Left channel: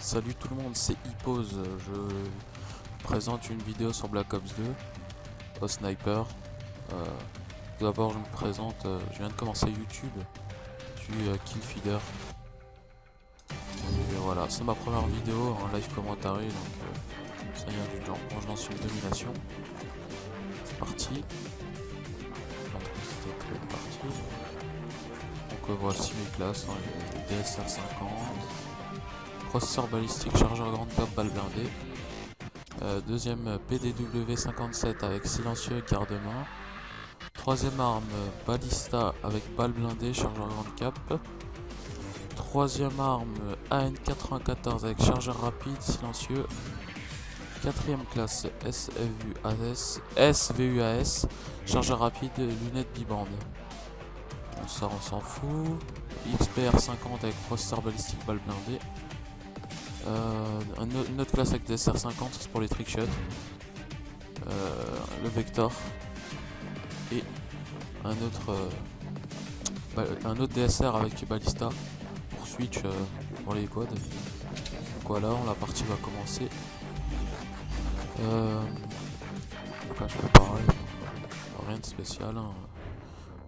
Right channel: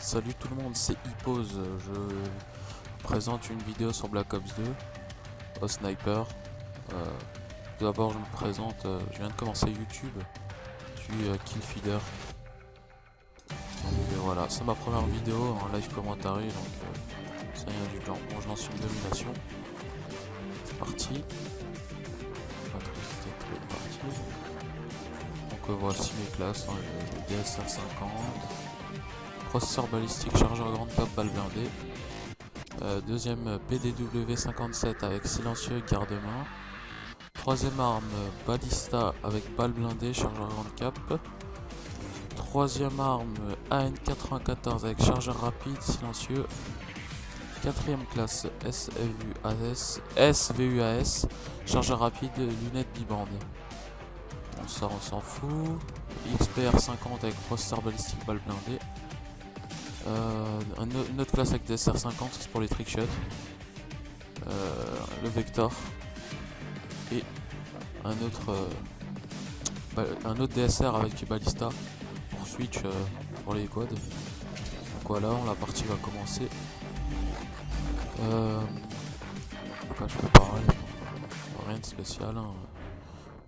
Salut tout le monde, c'est Hippose. Je vous présente une vidéo sur Black Ops 2 au sniper. Tout d'abord, je me présente. Je viens de commencer YouTube. Je suis Killfeeder. Donc voilà, c'est ma première vidéo en live commentary. Donc c'est rien du genre. Bon, je lance une domination. C'est parti. L'intricité est partie. Donc voici mes classes, hein, le DSR 50. Processeur balistique, chargeur grande cap, balle blindée. Deuxième PDW 57 avec silencieux et garde-main. Troisième arme balista avec balle blindée, chargeur grande cap. Troisième arme AN94 avec chargeur rapide, silencieux. Quatrième classe SVUAS, chargeur rapide, lunettes bibande. Bon, ça on s'en fout. XPR 50 avec processeur balistique, balle blindée. Une autre classe avec DSR 50, c'est pour les trickshots. Le Vector. Et un autre DSR avec Ballista pour switch pour les quads. Donc voilà, la partie va commencer. Donc là, je peux parler, rien de spécial. Hein.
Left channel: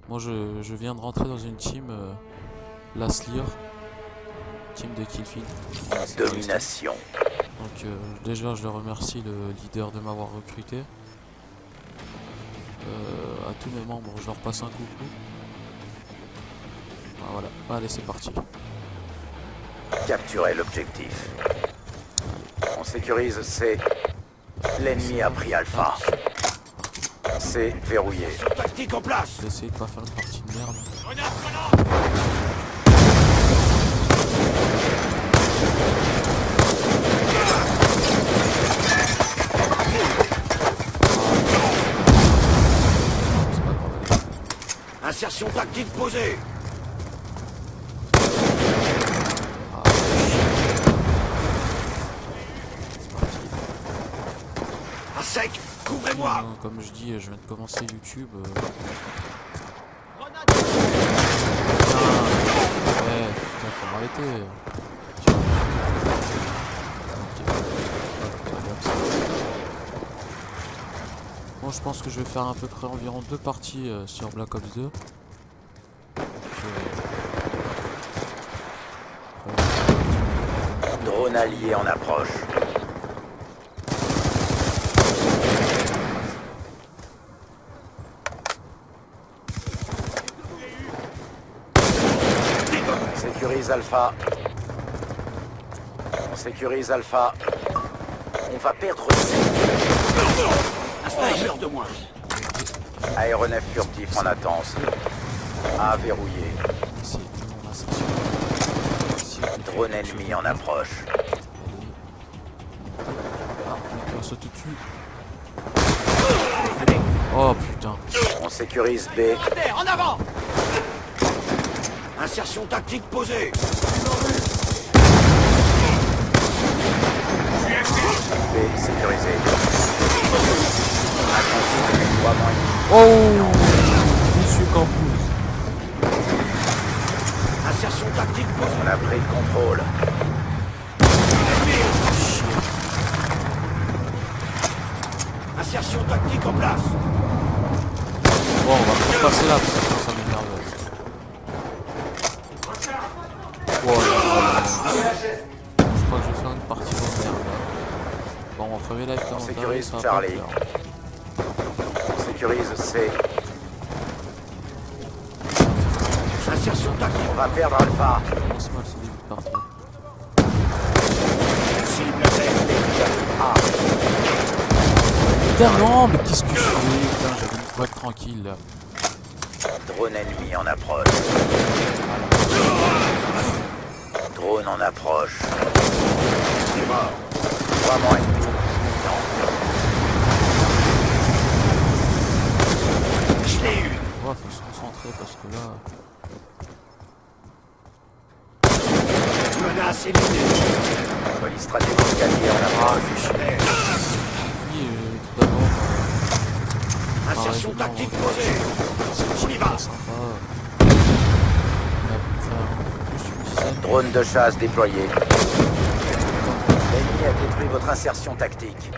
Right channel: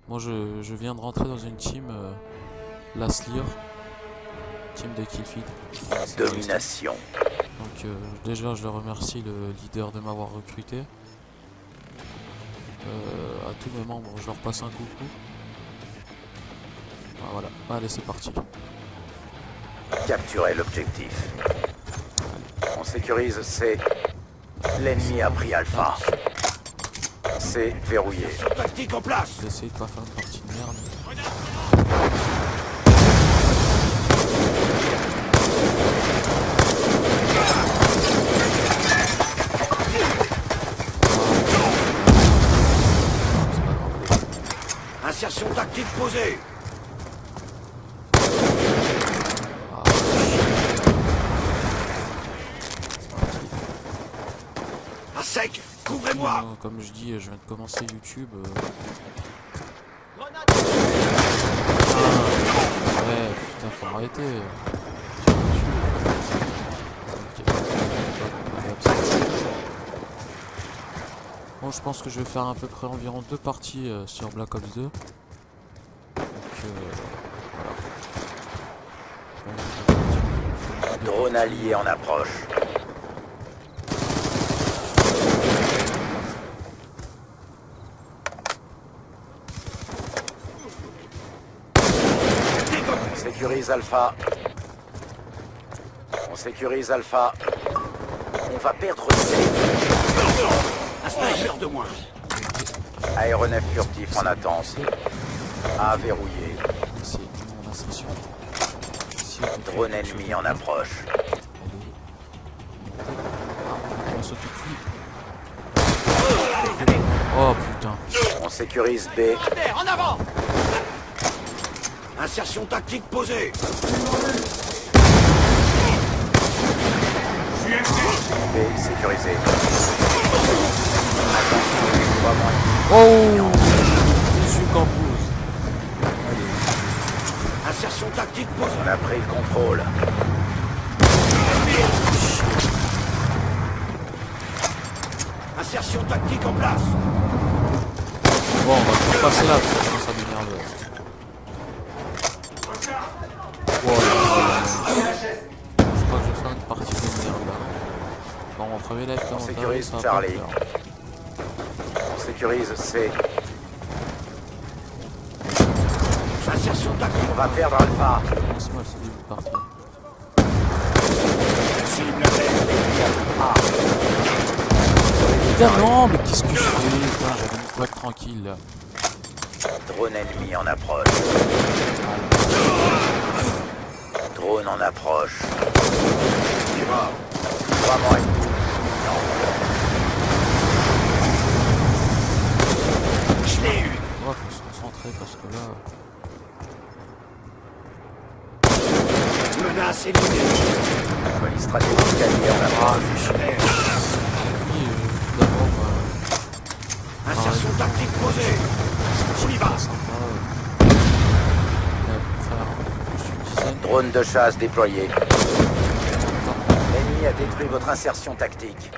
Moi je viens de rentrer dans une team, la Slir. Team de Killfeed. Domination. Donc déjà je remercie le leader de m'avoir recruté. À tous mes membres je leur passe un coucou. Ah, voilà, allez c'est parti. Capturer l'objectif. On sécurise C. L'ennemi a pris Alpha. C verrouillé. J'ai essayé de pas faire une partie de merde. Insertion tactique posée. Ah, c'est parti. À sec, couvrez-moi. Comme je dis, je viens de commencer YouTube. Putain, faut m'arrêter. Tire dessus. Ok. Allez, hop, c'est parti. Bon, je pense que je vais faire à peu près environ 2 parties sur Black Ops 2. Donc voilà. Drone allié en approche. On sécurise Alpha. On sécurise Alpha. On va perdre C. Un sniper de moins. Aéronef furtif en attente. A verrouillé. C'est mon ascension. Drone ennemi en approche. Allez, montez. Ah, mec, on va sauter dessus. Oh putain. On sécurise B. En avant. Insertion tactique posée. B sécurisé. Attention, déploiement ennemi. Oh, Monsieur Campouze. Allez. Insertion tactique posée. On a pris le contrôle. Chier. Insertion tactique en place. Bon, on va pouvoir passer là, parce que ça commence à m'énerver. Oh là là là là. Bon, je crois que je vais faire une partie de merde là. Bon, mon premier live On commentaire, sécurise ça va Charlie. pas le faire. On sécurise C. Insertion tactique. On va perdre Alpha. Ça commence mal ce début de partie. L'ennemi a pris A. Putain non, mais qu'est-ce que je fais? Putain, j'avais une boîte tranquille là. Drone ennemi en approche. Drone en approche. Déploiement ennemi imminent. Ouais, faut se concentrer parce que là... Menace éliminée. Police stratégique alliée en Ah, approche. fais chier. Puis, tout d'abord... Insertion tactique posée. C'est une team très sympa. Il y a à peu près un peu plus une dizaine. Drone de chasse déployé. Encore ennemi a détruit votre insertion tactique.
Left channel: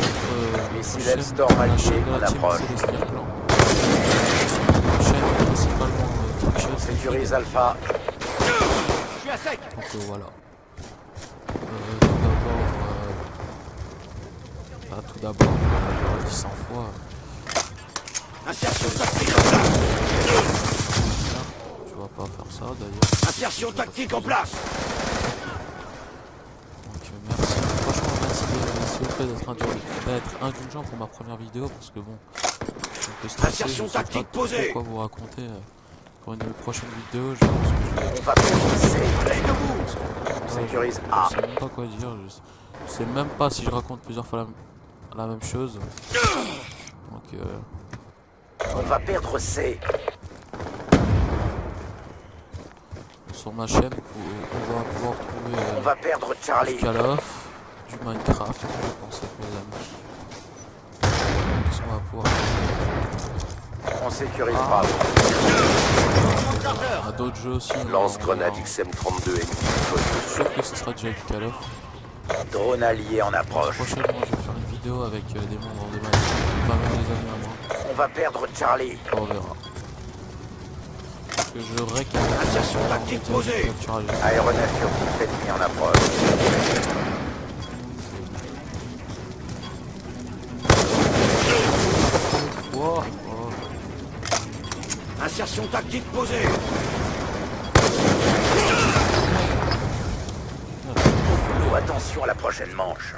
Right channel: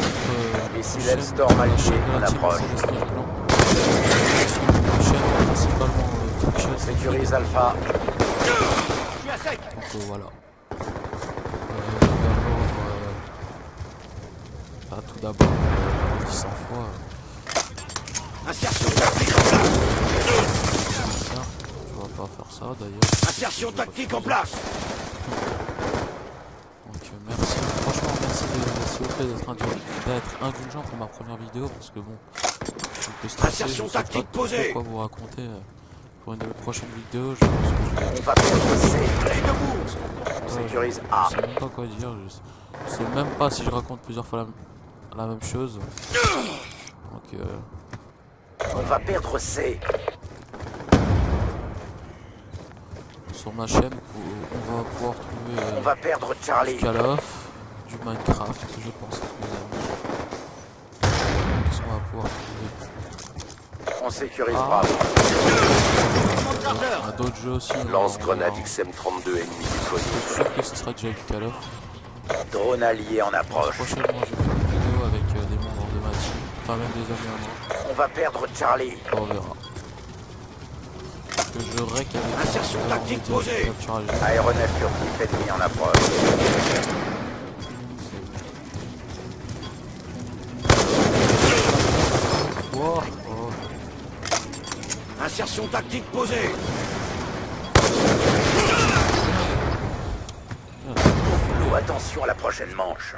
Notre Missile chaîne, Hellstorm la allié chaîne de en la team approche. Celestial Clan. Une chaîne principalement trickshot. On sécurise Alpha. Je suis à sec. Donc voilà. Tout d'abord, j'ai redit 100 fois. Insertion tactique en place. Tu vas pas faire ça d'ailleurs. Insertion tactique en place. Donc merci, franchement merci s'il vous plaît d'être indulgent pour ma première vidéo parce que bon, je suis un peu stressé, je sais pas trop quoi vous raconter. Pour une de mes prochaines vidéos, je pense que je vais... On va perdre C. Parce que, On sécurise je A. sais même pas quoi dire, je sais même pas si je raconte plusieurs fois la même chose. Donc On va perdre C. sur ma chaîne, on va pouvoir trouver On va perdre Charlie. du Call of, du Minecraft, je pense avec mes amis. Qu'est-ce qu'on va pouvoir trouver? On sécurise Bravo. On a d'autres jeux aussi. Lance-grenade XM32 ennemi Je déconné. suis sûr que ce sera déjà du Call of. Drone allié en approche. Prochainement, je vais faire une vidéo avec des membres de ma team, enfin même des amis à moi. On va perdre Charlie. On verra. Parce que je rec avec un alarme média de capture à jeu. Aéronef furtif ennemi en approche. Oh, oh. Insertion tactique posée. Oh, attention à la prochaine manche.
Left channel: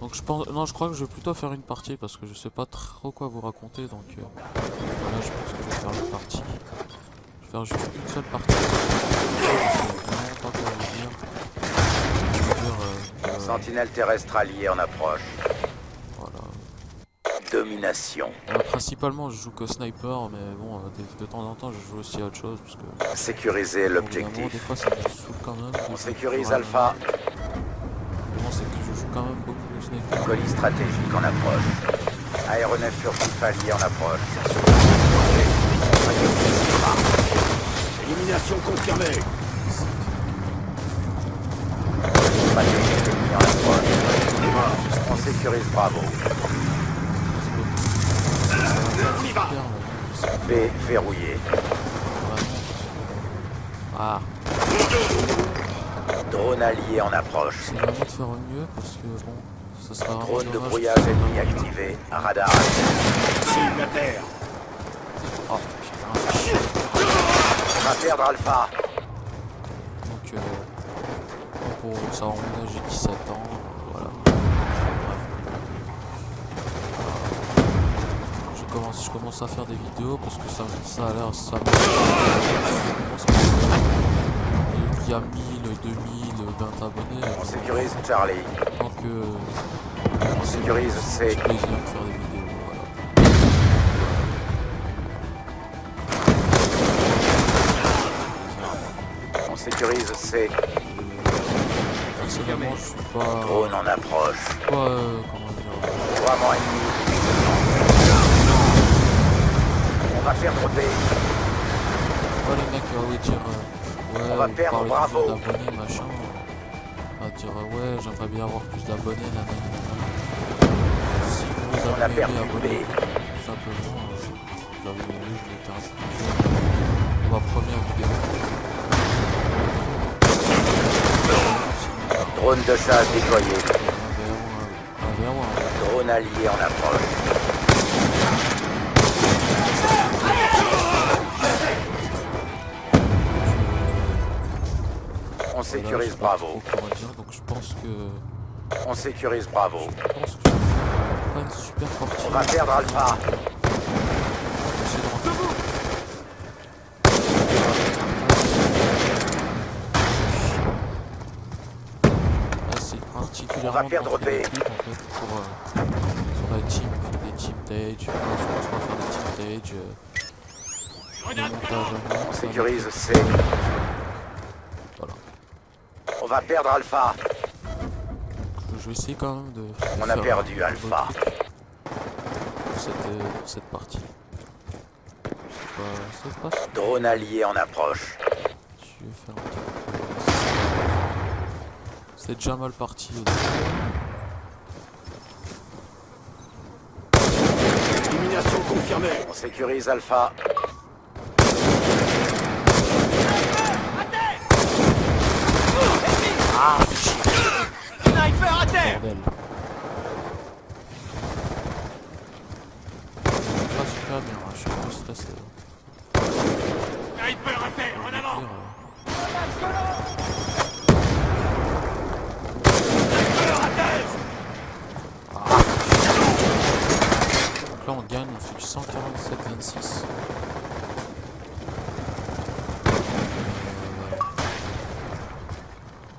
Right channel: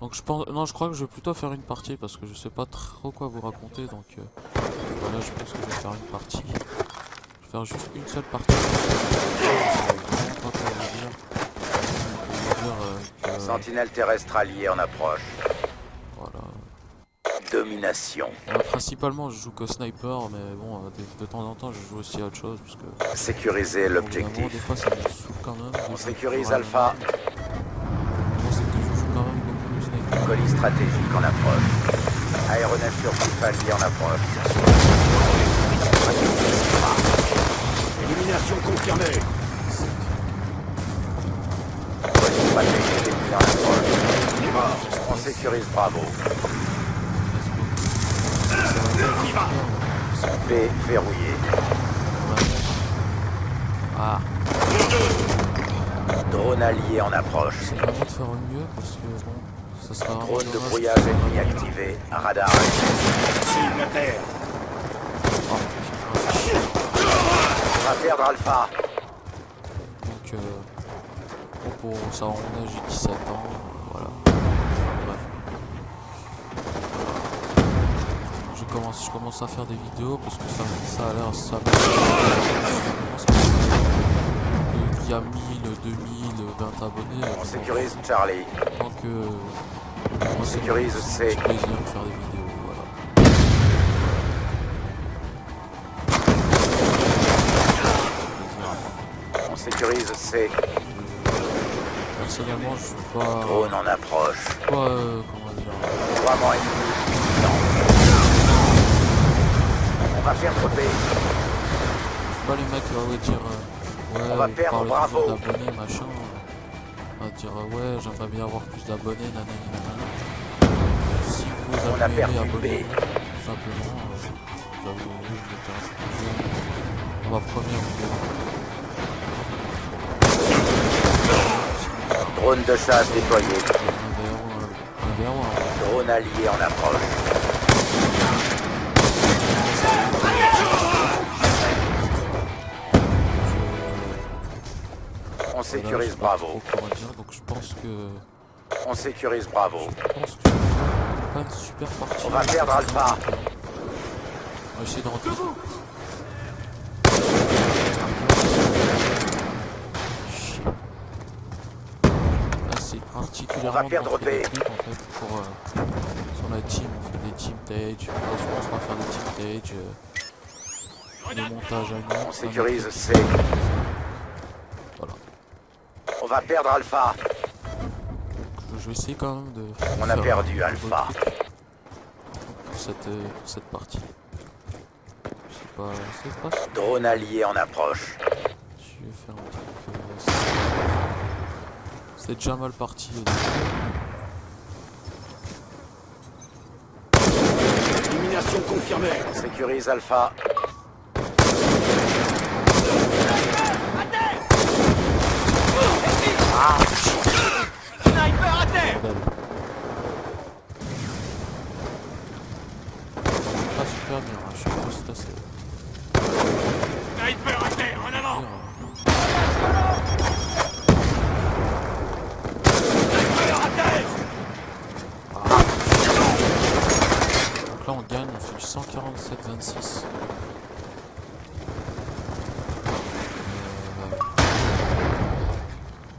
Donc je pense, non, je crois que je vais plutôt faire une partie parce que je sais pas trop quoi vous raconter. Donc voilà, je pense que je vais faire une partie. Je vais faire juste une seule partie. Je sais vraiment pas quoi vous dire. Je vais vous dire que Sentinelle terrestre allié en approche. voilà. Domination. Principalement, je joue que sniper, mais bon, de temps en temps, je joue aussi à autre chose parce que Sécuriser au bout d'un moment, des l'objectif. fois, ça me saoule quand même. On sécurise Alpha. Vraiment, c'est que je joue quand même beaucoup au sniper. Colis stratégique en approche. Aéronef furtif allié en approche. Raquette Sigma. Élimination confirmée. Colis stratégique ennemi en approche. On sécurise Bravo. Stresse beaucoup. Je sais que ça va pas être super, mais bon, je sais B verrouillé. vraiment. Ah, Drone allié en approche. c'est vraiment de faire au mieux parce que bon, ça sera vraiment Drone de dommage brouillage que ce soit ennemi vraiment mieux. activé. Radar actif. Cible à terre. Oh, putain, fait chier. On va perdre Alpha. Donc, bon, pour ça, on a, j'ai 17 ans, voilà. Enfin, bref. Je commence à faire des vidéos parce que ça a l'air, ça commence à qu'il y a 1000, 2000, 20 abonnés. On sécurise Charlie. Tant que moi, c'est sécurise mon C. petit plaisir de faire des vidéos, voilà. Voilà. Petit plaisir à moi. On sécurise C. Personnellement, je suis pas, Drone en approche. comment dire, Couramment ennemi imminent. On va perdre B. je suis pas les mecs qui vont dire ouais, On va vous perdre parlez Bravo. toujours d'abonnés, machin. À dire ouais, j'aimerais bien avoir plus d'abonnés, nanani nanana. Si vous On a avez perdu aimé, B. abonnez-vous, tout simplement. Vous avez vu, je l'étais un peu plus jeune pour ma première vidéo. Sinon, Drone de chasse déployé. un verre ou un Drone allié en approche. On sécurise Bravo. Donc je pense que On sécurise Bravo. je vais faire pas une super partie. On va perdre Alpha. On va essayer de rentrer. Ah, c'est particulièrement On va perdre d'entrer B. d'équipe, en fait pour sur la team on fait des team tage. Enfin, je pense qu'on va faire des team tage, des montages à nous. On sécurise C. Voilà. On va perdre Alpha. Donc je vais essayer quand même de. On a faire perdu un Alpha. beau truc pour cette partie. C'est pas super. Drone allié en approche. Je vais faire un truc sympa. C'est déjà mal parti au début. Élimination confirmée. On sécurise Alpha. Ah, Sniper à terre. bordel. Pas super bien, hein. Je suis un peu stressé. Sniper à terre, en avant. Dire, Ah. Donc là on gagne, on fait du 147-26.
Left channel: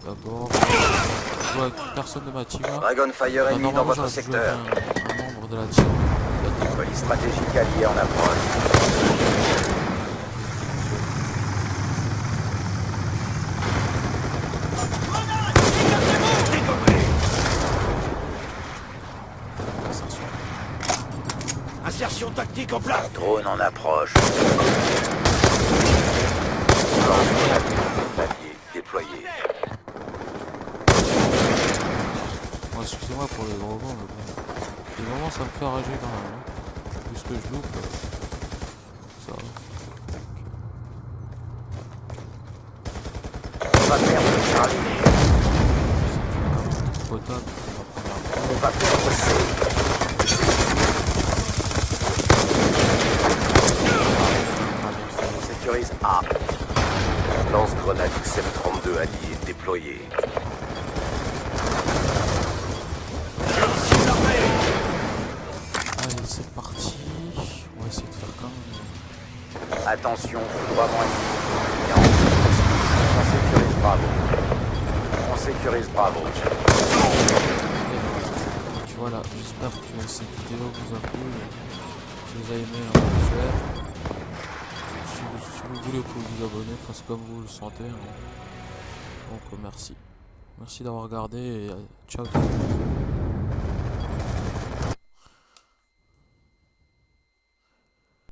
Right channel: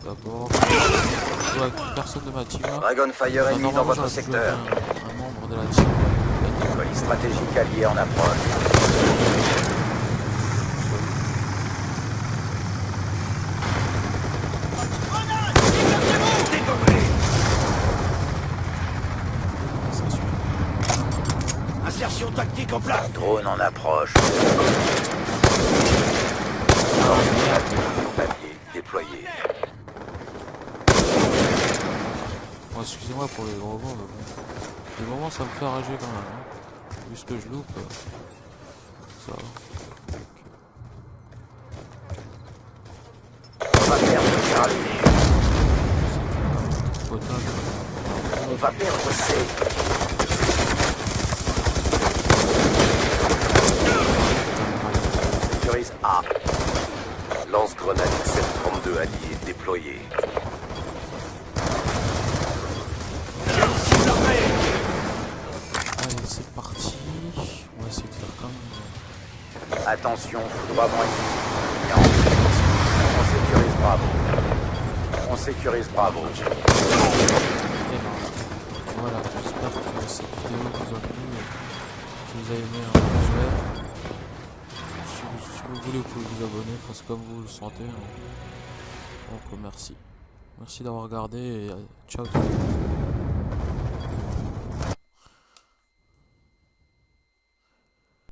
D'abord, je joue avec personne de ma team là. Dragonfire ennemi dans Normalement, votre j'aurais dû jouer secteur. avec un membre de la team. Il a décollé Colis stratégique allié en approche. tout seul. Insertion. Insertion tactique en place. Drone en approche. Ah merde. Papier déployé. Bon, excusez-moi pour les gros mots, mais bon. Des moments ça me fait rager quand même. Hein. Vu ce que je loupe, ça va. On va perdre Charlie. C'est quand même potable. On va perdre C. On sécurise A. Lance-grenade XM32 allié déployé. Allez, c'est parti. On va essayer de faire comme. Attention, foudroiement ennemi. Non. On sécurise Bravo. On sécurise Bravo. Et ben voilà. Donc voilà, j'espère que cette vidéo vous a plu. Si vous avez aimé un pouce vert. Si vous voulez, vous pouvez vous abonner, enfin c'est comme vous le sentez. Hein. Donc merci. Merci d'avoir regardé et ciao tout le monde.